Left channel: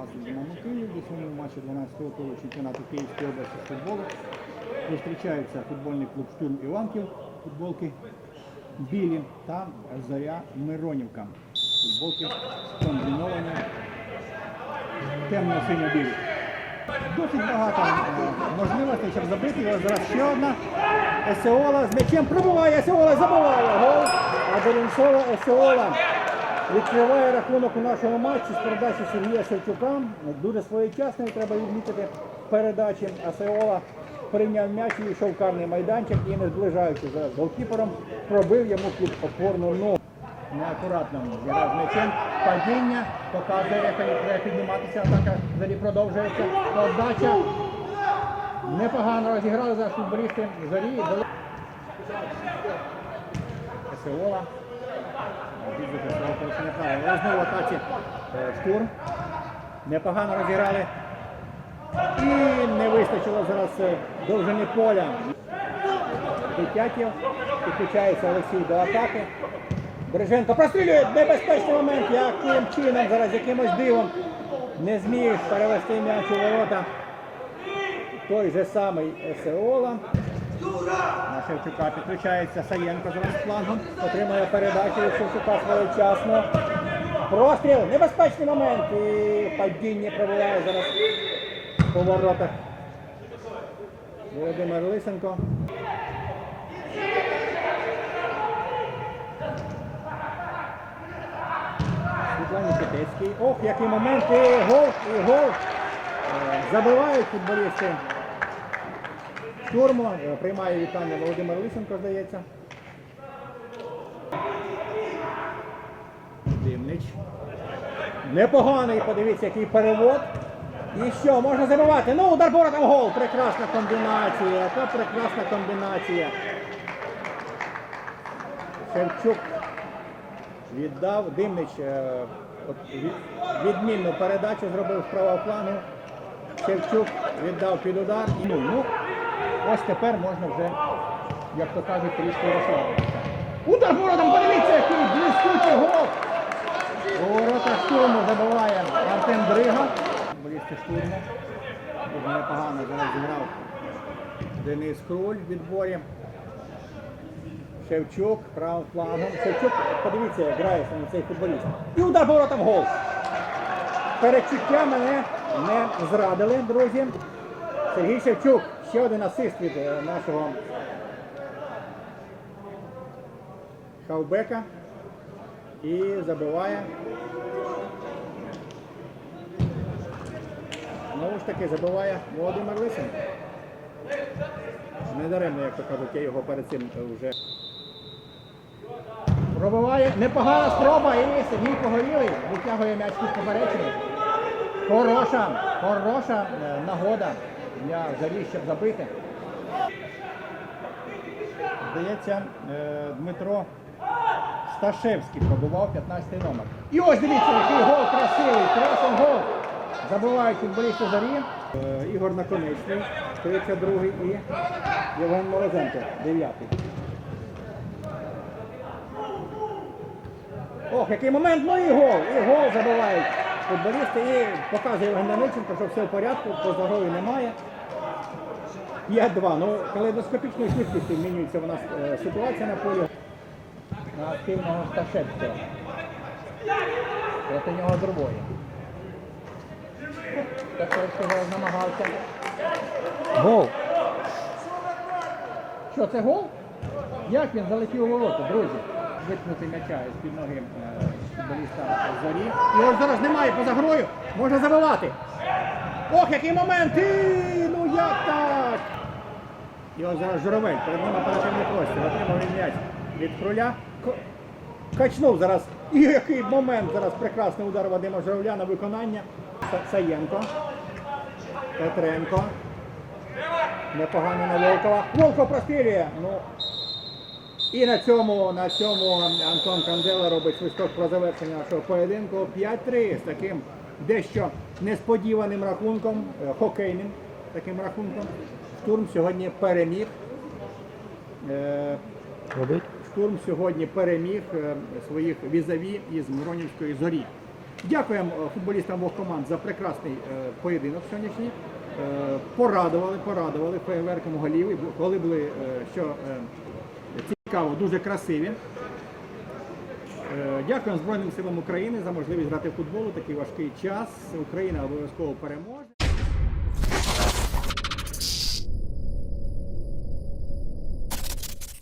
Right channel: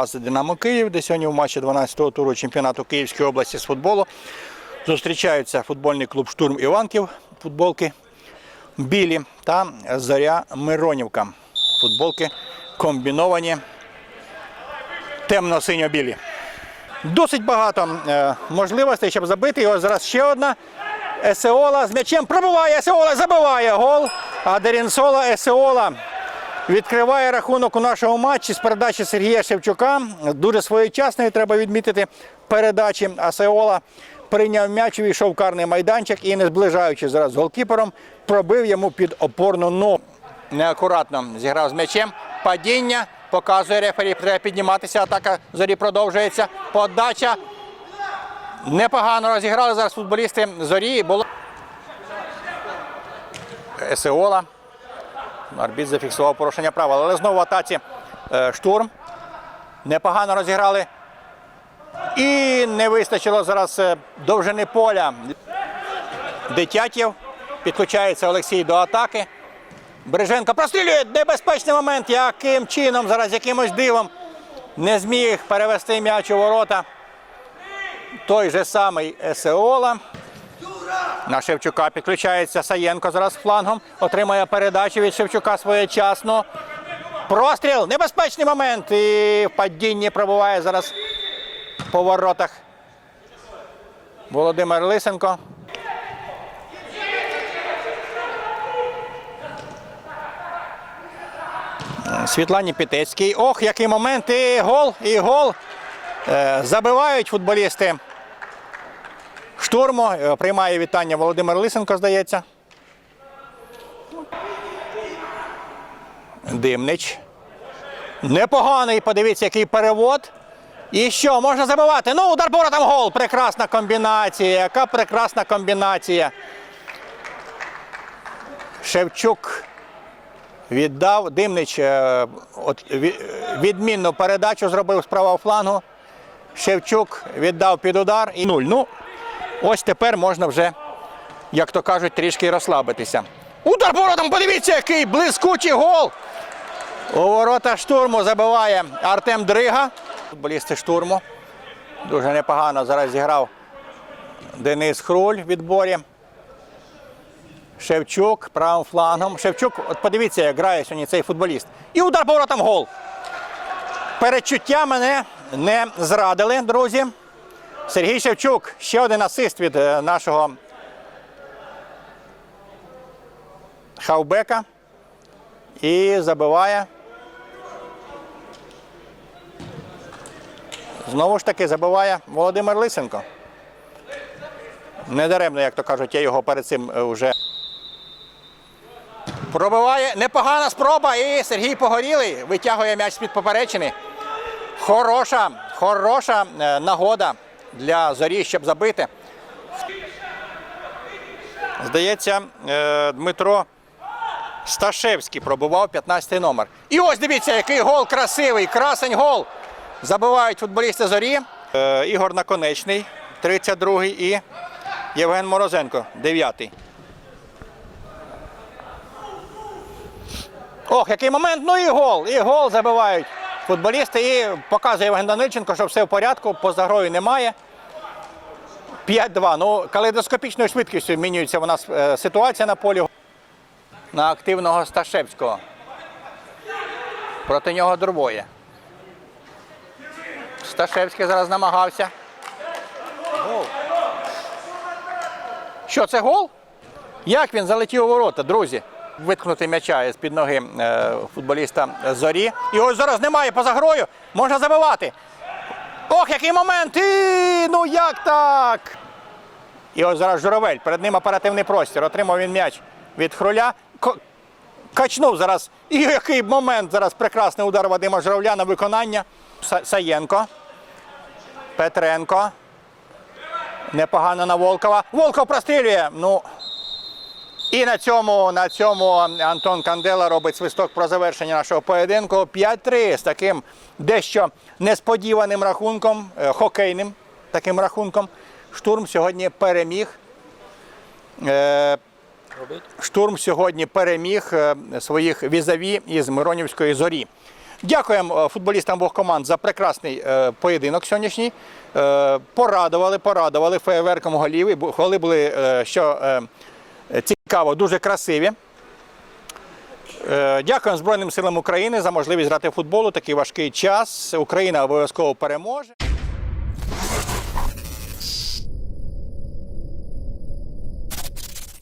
Кривбас Динамо Київ, де сьогодні в матчі 12-го туру чемпіонату Київської області з футболу зустрічаються футбольний клуб Штурм Іванків, футболки білі та Зоря Миронівка. Футболки комбіновані темно-синьо-білі. Досить багато е, можливостей, щоб забити. Ось зараз ще одна. Есеола з м'ячем пробиває, Есеола забиває гол. А Дерінсола Есеола відкриває рахунок у нашому матчі з передачі Сергія Шевчука. Дуже своєчасної треба відмітити передачі. Асеола прийняв м'яч, увійшов карний майданчик і, не зближаючись зараз з голкіпером, пробив йому під опорну ногу. Неакуратно зіграв з м'ячем. Падіння показує рефері. Треба підніматися. Атака зорі продовжується. Подача. Непогано розіграли зараз футболісти зорі. Було Есеола. Арбіт зафіксував порушення правил. Але знову в атаці е, штурм. Непогано розіграли. І не вистачило зараз е, довжини поля. Дитятєв. Підключається Олексій до атаки. Береженко прострілює небезпечний момент. Яким чином зараз якимось дивом не зміг перевести м'яч у ворота. Той же самий Есеола. На Шевчука підключається Саєнко зараз флангом. Отримає передачу від Шевчука своєчасно. Простріл, небезпечний момент. І в падінні пробуває зараз по воротах. Володимир Лисенко. Світлані Пітецький. Ох, який момент! І гол, і гол. Е, Забивають футболісти. Штурму Е, приймає вітання Володимир Лисенко, здається. Димнич. Непоганий, подивіться, який перевод. І що, можна забивати? Ну, удар там гол. Прекрасна комбінація. Яка прекрасна комбінація. Шевчук віддав. Димнич е, от, відмінну передачу зробив з правого флангу. Шевчук віддав під удар і нуль. Ну, ось тепер можна вже, як то кажуть, трішки розслабитися. Удар воротом, подивіться, який блискучий гол. У ворота штурму забиває Артем Дрига. Футболісти штурму. Дуже непогано зараз зіграв Денис Хруль в відборі. Шевчук правим флангом. Шевчук, от подивіться, як грає сьогодні цей футболіст. І удар поворотом гол. Перечуття мене не зрадили, друзі. Сергій Шевчук, ще один асист від е, нашого хавбека. І забиває. Знову ж таки забиває Володимир Лисенко. Недаремно, як то кажуть, я його перед цим е, вже. Пробиває непогана спроба. І Сергій Погорілий витягує м'яч з-під поперечини. Хороша, хороша е, нагода для зорі, щоб забити. Здається, е, Дмитро Сташевський пробував 15-й номер. І ось дивіться, який гол красивий, красень гол. Забивають футболісти зорі. Е, Ігор Наконечний, 32-й, і Євген Морозенко, 9-й. Ох, який момент, ну і гол, і гол забивають футболісти. І показує Євген Данильченко, що все в порядку, поза грою немає. 5-2. Ну, калейдоскопічною швидкістю змінюється у нас е, ситуація на полі. На активного Сташевського. Проти нього двоє. Сташевський зараз намагався. Гол. Що це гол? Як він залетів у ворота, друзі? Виткнути м'яча з-під ноги е, футболіста зорі. Ось зараз немає поза грою. Можна забивати. Ох, який момент! І, ну як так? І ось зараз Журавель. Перед ним оперативний простір. Отримав він м'яч від хроля. Ко- Качнув зараз. І який момент зараз прекрасний удар Вадима Журавля на виконання. Са- Саєнко. Петренко. Непогано на Волкова. Волков прострілює. Ну. І на цьому, на цьому Антон Кандела робить свисток про завершення нашого поєдинку. 5-3 з таким дещо несподіваним рахунком, е, хокейним таким рахунком. Штурм сьогодні переміг. Е, Штурм сьогодні переміг е, своїх візаві із Миронівської зорі. Дякуємо футболістам обох команд за прекрасний поєдинок сьогоднішній. Порадували, порадували феєверком голів. Голи були, що цікаво, дуже красиві. Дякую Дякуємо Збройним силам України за можливість грати в футбол у такий важкий час. Україна обов'язково переможе.